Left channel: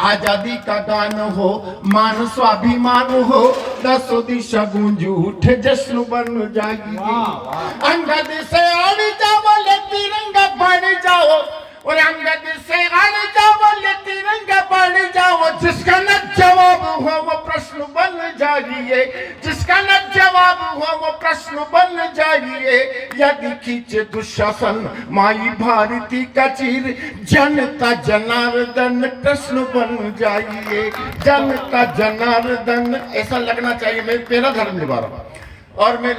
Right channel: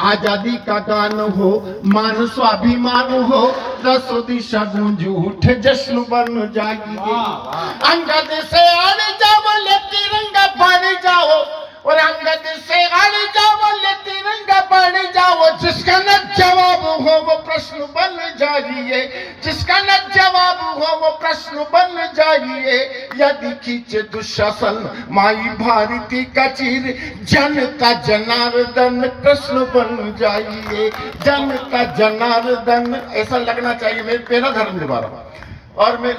आजादी का गान हो, मान स्वाभिमान हो, दसों दिशा गूंज उठे, जश्न बन जाइए। अंगद से अड़ जाओ ले तिरंगा बन जाओ, और अंगद से अड़ जाओ ले तिरंगा बन जाओ। जिसका न जवाब हो वो प्रश्न बन जाइए, जिसका न जवाब हो वो प्रश्न बन जाइए। यदि खींचे दुशासन माई भारती का चीर, जनता जनार्दन कृष्ण बन जाइए, जनता जनार्दन। ऐसा लगना चाहिए मैं मेरा धर्म निभा रहा हूं। और मैं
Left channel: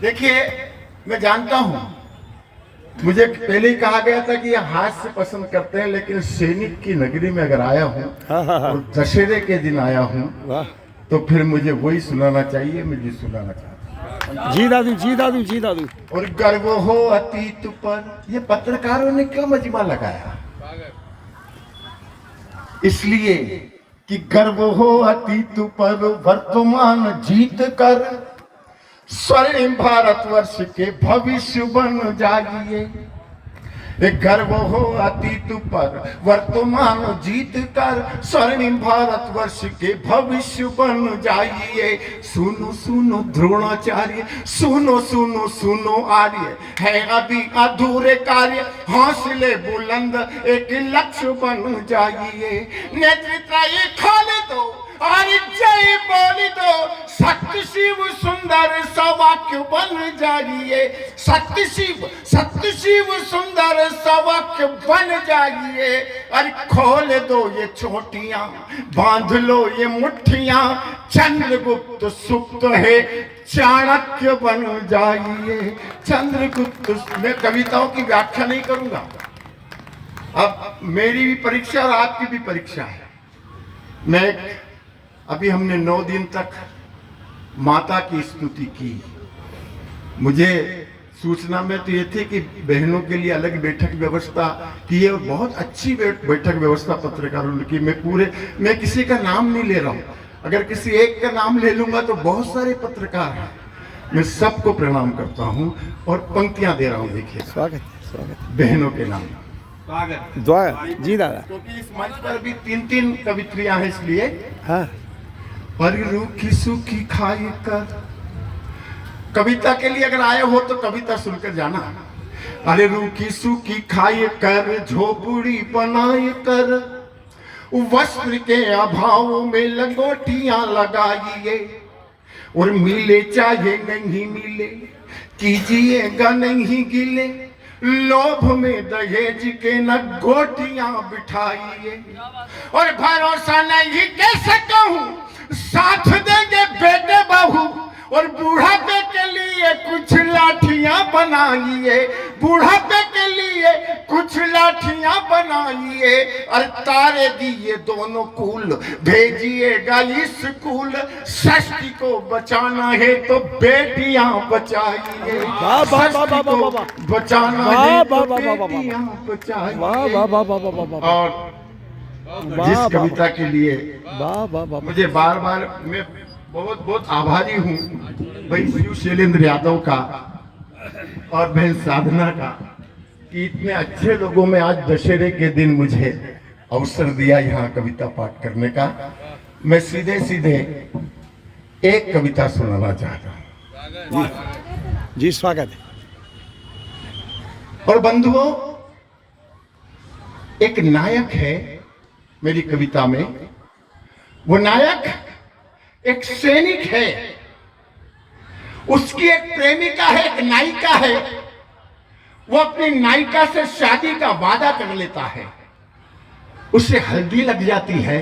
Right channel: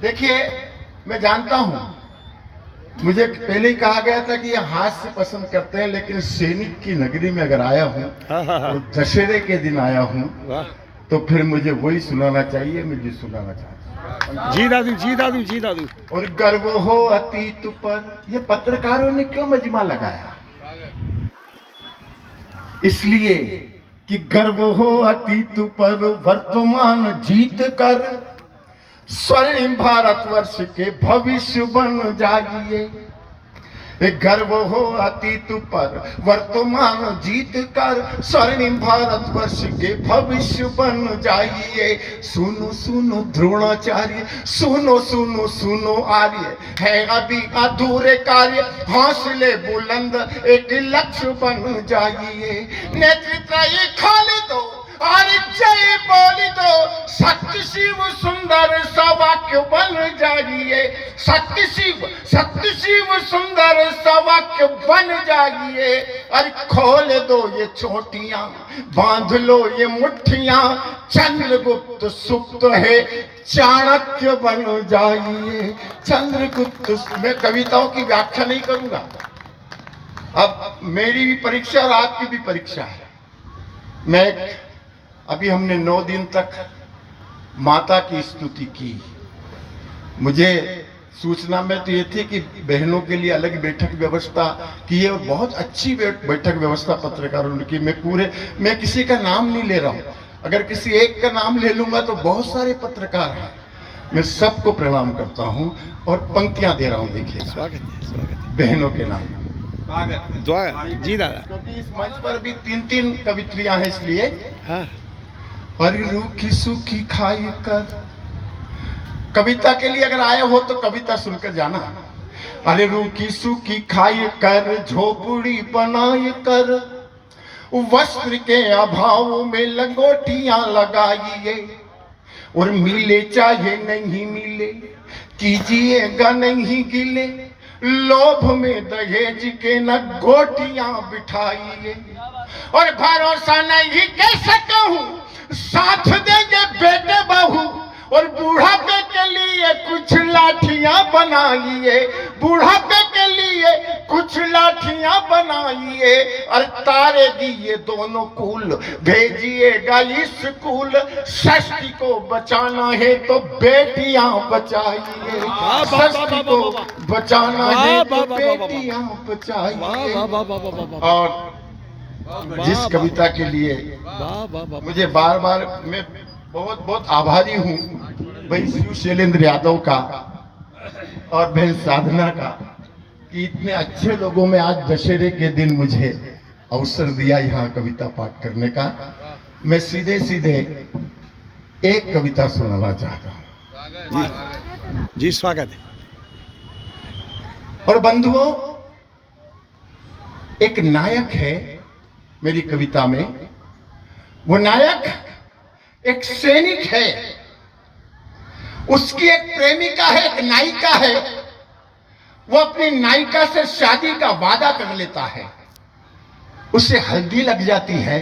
देखिए, मैं जानता हूं, मुझे पहले ही कहा गया था कि ये हास्य पसंद करते हैं, लेकिन सैनिक की नगरी में अगर आया हूँ और दशहरे के दिन आया हूँ तो फिर मुझे वही सुनाना चाहिए मैं जो सुनाना चाहता हूँ। जी दादू, जी दादू, जी दादू। और गर्व हो अतीत पर, ये पत्रकारों ने क्यों मजमा लगाया? इसलिए कि गर्व हो अतीत पर, वर्तमान जीत कर स्वर्णिम भारतवर्ष के भविष्य बन जाइए। गर्व हो अतीत पर, वर्तमान जीत कर स्वर्णिम भारतवर्ष के भविष्य बन जाइए। सुनो सुनो द्रोणाचार्य, सुनो सुनो सुनो आर्य, है अभी अधूरे कार्य, हौसले बुलंद एक लक्ष्य बन जाइए। नेतृत्व ये खोल दो और जय बोली दो, सत्य शिव सुंदर सा वाक्य बन जाइए। सत्य शिव सुंदर सा वाक्य बन जाइए। अरे खोल दो ये चोटियां, बांध लो ये मुट्ठियां, चंद्रगुप्त सुप्त है चाणक्य बन जाइए। चंद्रगुप्त। मैं कविताओं की व्याख्या नहीं करूंगा, अब मेरी भी परीक्षा और आपकी भी परीक्षा है। मैं अभी हमने 9 दिन तक माता की स्तुति की। मुझे सूचना में तो ये थी कि बहनों के लिए अलग बैठक व्यवस्था की है, और बहुत अच्छी बैठक व्यवस्था पत्रकारों ने की। मैं किसी का नाम नहीं ले रहा हूँ, अगर किसी एक का नाम ले लूंगा तो बहुत सारे पत्रकार हैं। मैं सबको प्रणाम करता हूँ और पंक्तियां दे रहा हूँ। देखिए, स्वागत बहनों के नाम, स्वागत जी दादा। क्योंकि इस मंच पर भी 3 कवित्रियां हैं, इसलिए हाँ। अरे रूखी सूखी खाई कर, कविता के लिए अगर आए हो तो कविता सुनकर जाना। अरे रूखी सूखी खाई कर, झोपड़ी बनाई कर, वस्त्र के अभाव में लंगोटियां लगाइए। और मिले चाहे नहीं मिले, कीजिएगा नहीं गिले, लोभ में दहेज के न गोटियां बिठाइए। और भरोसा नहीं कैसे कहूं, साथ देंगे बेटे बहू, और बुढ़ापे के लिए कुछ लाठियां बनाइए। बुढ़ापे के लिए कुछ लाठियां बनाइए। और तारे दिए दोनों कुल, भेजिएगा स्कूल, षष्ठी को बचाना है तो बेटियां बचाइए। षष्ठी को बचाना है तो बेटियां बचाइए। और जिस कविता के लिए मुझे बार बार मैं बहुत बहुत आभारी हूँ भाई शिव शैलेंद्र यादव का और बहन साधना का, कि इतने अच्छे लोगों में आज दशहरे के दिन मुझे अवसर दिया यहाँ कविता पाठ करने का। मैं सीधे सीधे एक कविता सुनाना चाहता हूँ। जी स्वागत है। और बंधुओं, एक नायक है मेरी कविता में। वो नायक एक सैनिक है, उसकी एक प्रेमिका है, एक नायिका है। वो अपनी नायिका से शादी का वादा कर लेता है, उसे हल्दी लग जाती है,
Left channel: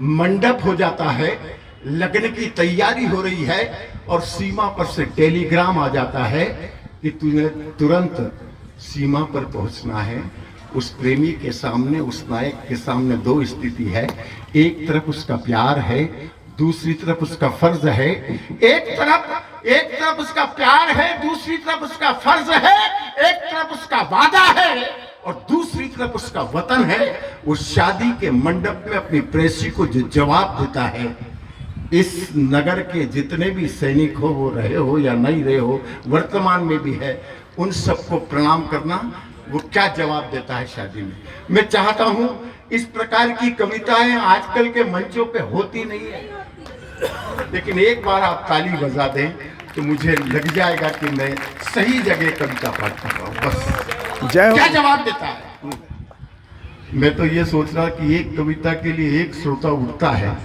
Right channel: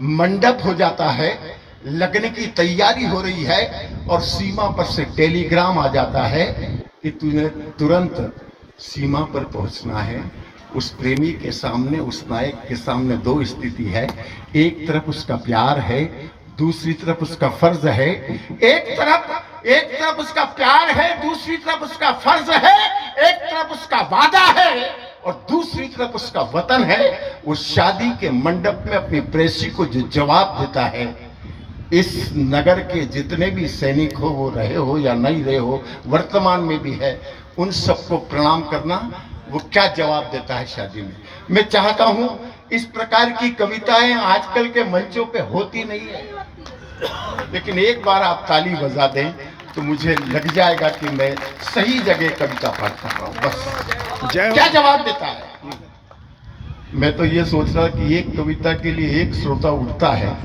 मंडप हो जाता है, लगने की तैयारी हो रही है, और सीमा पर से टेलीग्राम आ जाता है कि तूने तुरंत सीमा पर पहुंचना है। उस प्रेमी के सामने, उस नायक के सामने 2 स्थिति है। एक तरफ उसका प्यार है, दूसरी तरफ उसका फर्ज है। एक तरफ उसका प्यार है, दूसरी तरफ उसका फर्ज है। एक तरफ उसका वादा है और दूसरी तरफ उसका वतन है। वो शादी के मंडप में अपनी प्रेसी को जो जवाब देता है, इस नगर के जितने भी सैनिक हो, वो रहे हो या नहीं रहे हो, वर्तमान में भी है, उन सबको प्रणाम करना। वो क्या जवाब देता है शादी में। मैं चाहता हूं इस प्रकार की कविताएं आजकल के मंचों पे होती नहीं है, लेकिन एक बार आप ताली बजा दें तो मुझे लग जाएगा कि मैं सही जगह कविता पाठ कर रहा हूं। बस जय क्या हो। जवाब देता है। मैं तो ये सोच रहा कि एक कविता के लिए एक श्रोता उठता है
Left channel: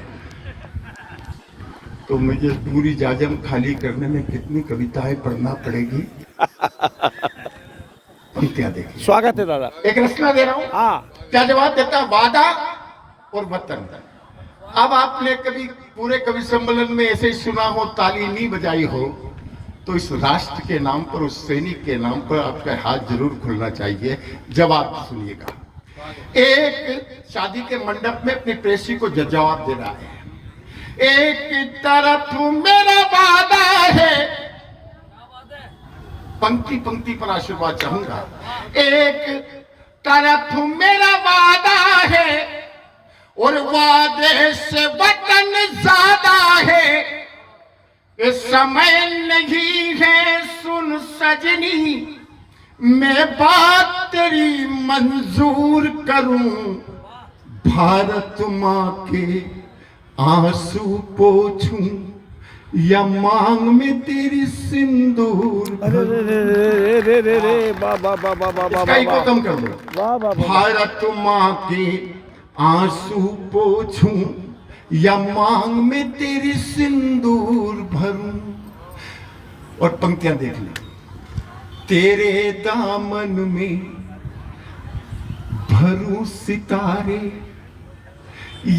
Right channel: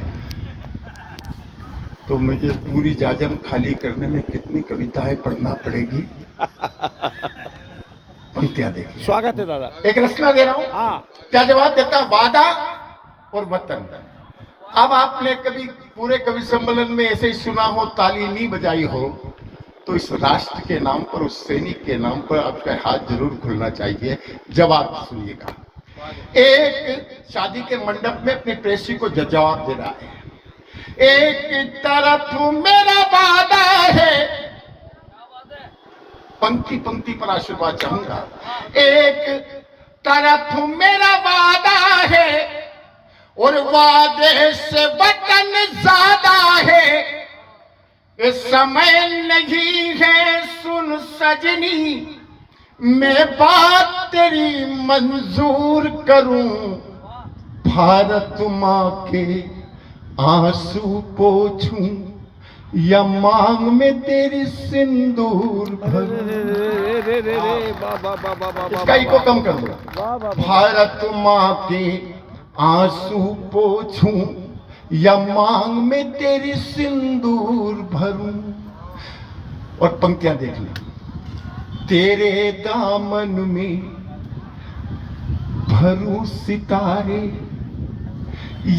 तो मुझे पूरी जाजम खाली करने में कितनी कविताएं पढ़ना पड़ेगी। पंक्तियां देखिए। स्वागत है दादा। एक रचना दे रहा हूं। हाँ, क्या जवाब देता है। वादा और वतन। अब आपने कभी पूरे कवि सम्मेलन में ऐसे ही सुना हो, ताली नहीं बजाई हो, तो इस राष्ट्र के नाम पर, उस सैनिक के नाम पर आपका हाथ जरूर खुलना चाहिए। जवाब सुनिएगा। एक शादी के मंडप में अपनी प्रेसी को जवाब दे रहा है। एक तरफ मेरा वादा है, पंक्ति पंक्ति पर आशीर्वाद चाहूंगा। एक तरफ मेरा वादा है और वादे से वतन ज्यादा है। इस समय नहीं है सुन सजनी, मैं बात तेरी मंजूर करूं। भारत माँ के आंसू पोछूं या मांग में तेरी सिंदूर इसका इको कम कर दो। भारत माँ के आंसू पोछूं या मांग में तेरी सिंदूर भरूं। और पंक्तियां देख ली। तेरे दामन में भरूं सितारे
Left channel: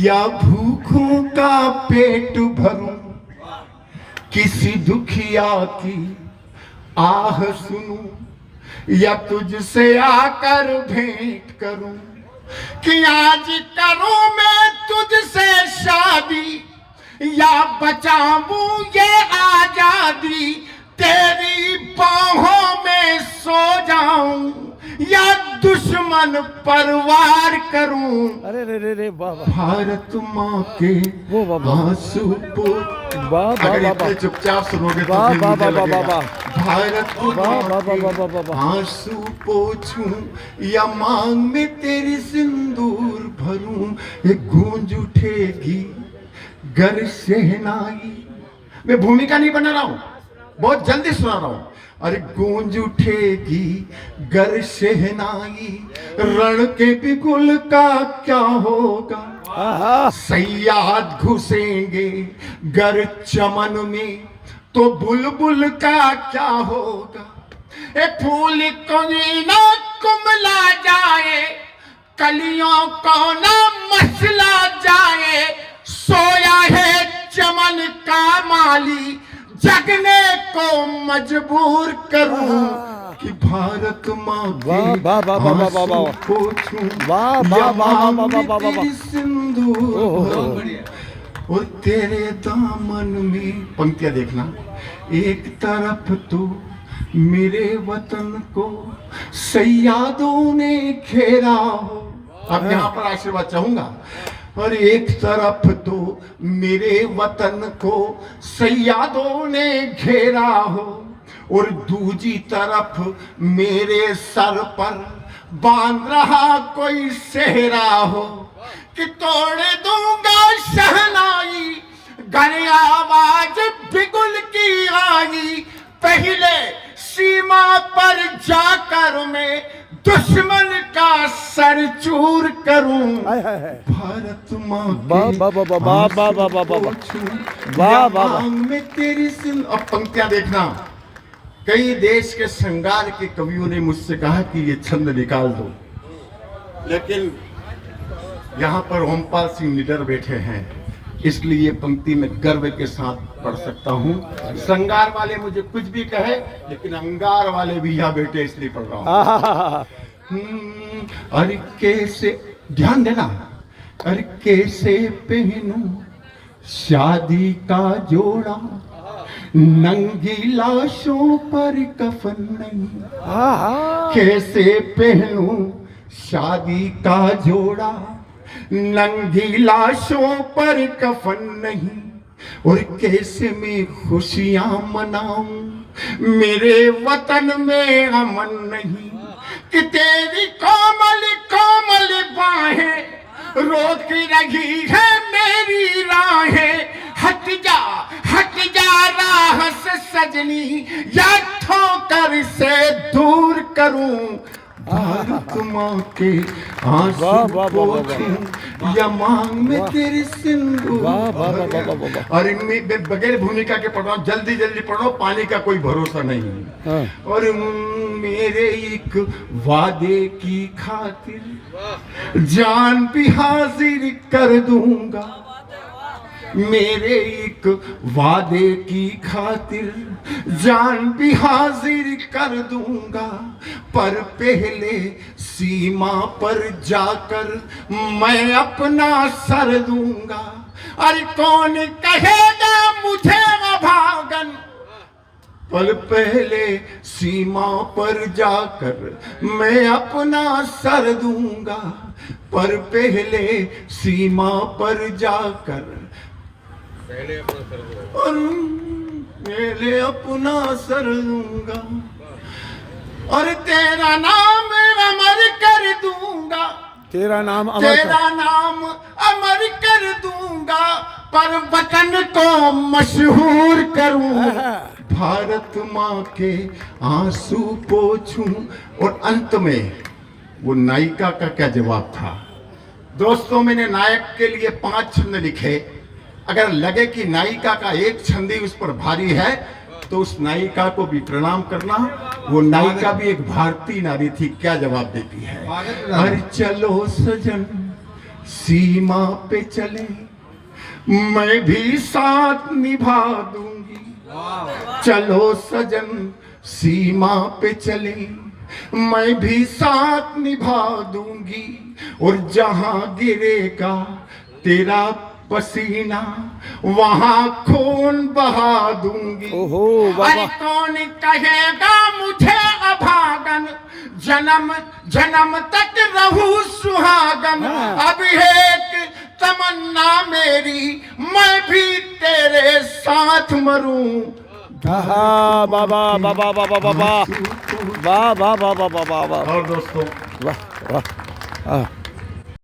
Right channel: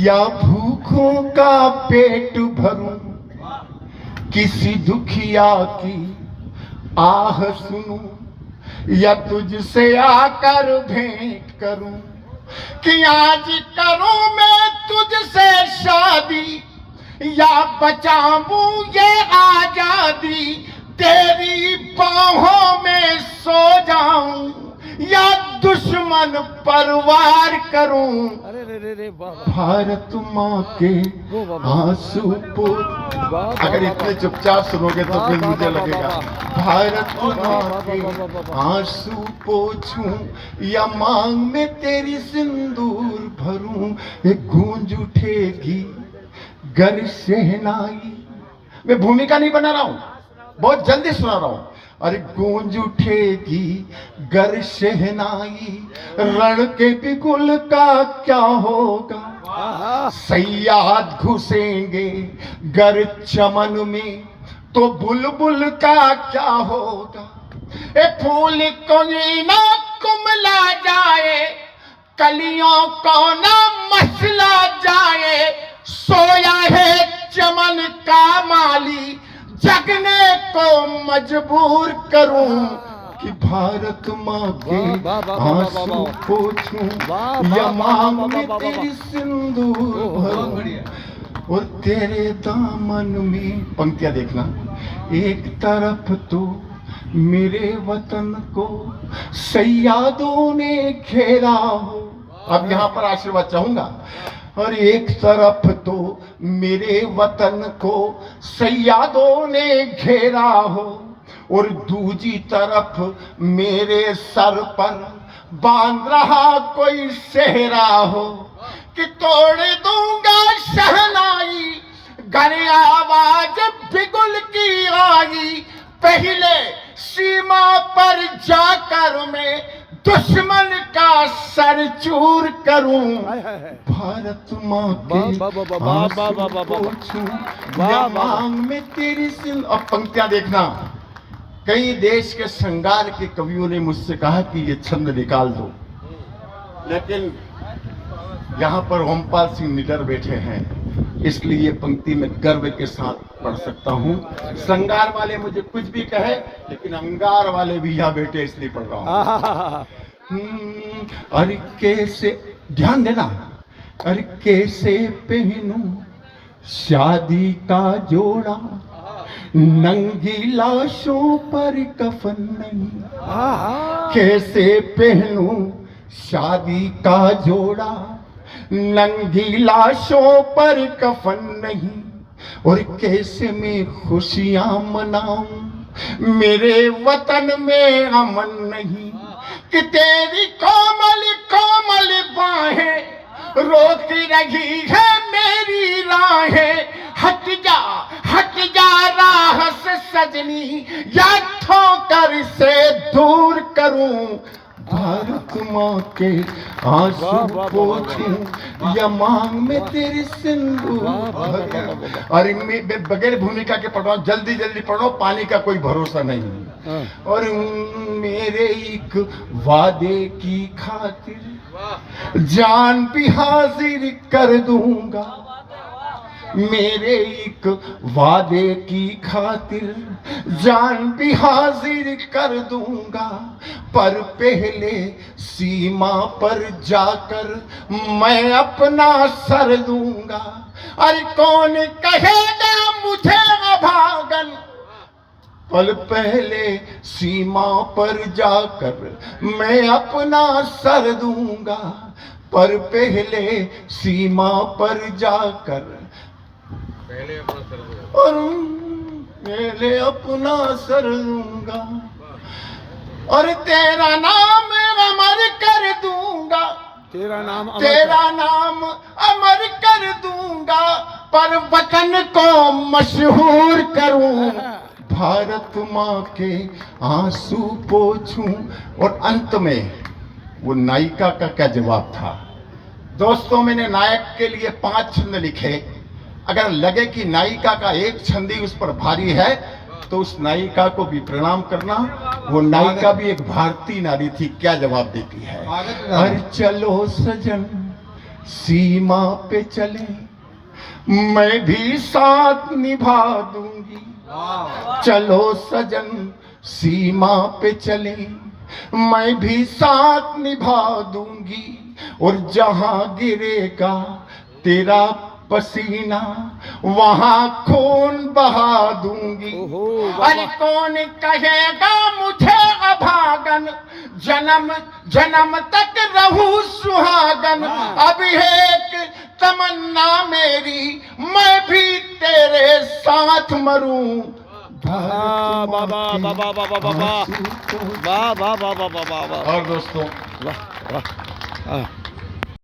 या भूखों का पेट भरूं। किसी दुखिया की आह सुनूं या तुझसे आकर भेंट करूं। कि आज करूं मैं तुझसे शादी या बचाऊं ये आजादी। तेरी बाहों में सो जाऊं या दुश्मन परवार करूं। अरे रे रे वाह। भारत माँ के आंसू अगर इतने चुपचाप सुनोगे तो फिर मुझे लगेगा। भारत माँ के आंसू पोछूं या मांग में तेरी सिंदूर भरूं। एक गूंज उठेगी गर शहनाई। मैं भूमिका नहीं बना रहा हूं, बहुत जल्दी सुना रहा हूं। अरे गूंज उठेगी गर शहनाई, रण के बिगुल का क्या होगा। सयाद घुसेंगे गर चमन में, तो बुलबुल का क्या होगा। ए फूल कोई ना कुमला जाए, कलियों को ना मसला जाए। सोया है चमन का माली, जगने को मजबूर करूं। कि भारत माँ के आंसू पोछूं या मांग में तेरी सिंदूर भरूं। और तेरे दामन में, पंक्तियां देखना। एक तरफ तो मेरे वतन को सैयादों ने घेरा हो। अब यहाँ पर आशीर्वाद चाहूंगा। और एक तरफ तो मेरे वतन को सैयादों ने घेरा हो, और दूजी तरफ मेरे सर पर बांध रहा कोई सेहरा हो। कि तोड़ दूंगा शहनाई गर आवाज बिगुल की आई। पहले सीमा पर जाकर मैं दुश्मन का सर चूर करूं। भारत माँ के मांग में तेरी सिंदूर। अब पंक्तियां देखना। कई देश के श्रृंगार के कवियों ने मुझसे कहा कि ये छंद निकाल दो, लेकिन यहाँ पर ओमपाल सिंह निडर बैठे हैं, इसलिए पंक्ति में गर्व के साथ पढ़ सकता हूँ। श्रृंगार वाले मुझे कुछ भी कहे, लेकिन अंगार वाले भी यहाँ बैठे इसलिए पढ़ रहा हूँ। अरे कैसे, ध्यान देना। अरे कैसे पहनूं शादी का जोड़ा, नंगी लाशों पर कफन नहीं। कैसे पहनूं शादी का जोड़ा, नंगी लाशों पर कफन नहीं। और कैसे मैं खुशियां मनाऊं, मेरे वतन में अमन नहीं। कि तेरी कोमल कोमल बाहें रोक रही है मेरी राहें। हट जा राह से सजनी, या ठोकर से दूर करूं। भारत माँ के आंसू पोंछूं या मांग में तेरे सिंदूर भरूं। अरे मैं बगैर भूमिका के पढ़ रहा हूँ, जल्दी जल्दी पढ़ो, पानी का कोई भरोसा नहीं। और मेरे एक वादे की खातिर जान भी हाजिर कर दूंगा। मेरे एक वादे की खातिर जान भी हाजिर कर दूंगा। पर पहले सीमा पर जाकर मैं अपना सर दूंगा। अरे कौन कहेगा मुझे अभागन, पल पहले सीमा पर जाकर मैं अपना सर दूंगा। पर पहले सीमा पर जाकर और पहले अपना सर दूंगा। और तेरा नाम अमर कर दूंगा। तेरा नाम अमर कर दूंगा। पर वतन को मशहूर करूं। भारत माँ के आंसू पोंछूं। और अंत में वो नायिका का क्या जवाब था? दोस्तों, मैंने नायक के लिए 5 छंद लिखे। अगर लगे कि नायिका का एक छंद ही उस पर भारी है तो उस नायिका को भी प्रणाम करना। वो नायिका भी एक भारतीय नारी थी। क्या जवाब देती है? अरे चलो सजन सीमा पे चले, मैं भी साथ निभा दूंगी। चलो सजन सीमा पे चले, मैं भी साथ निभा दूंगी। और जहां गिरेगा तेरा पसीना वहां खून बहा दूंगी। अरे कौन कहेगा मुझे अभागन, जन्म जन्म तक रहूं सुहागन। अब एक तमन्ना मेरी, मैं भी तेरे साथ मरूं। वाह। और दोस्तों वाह।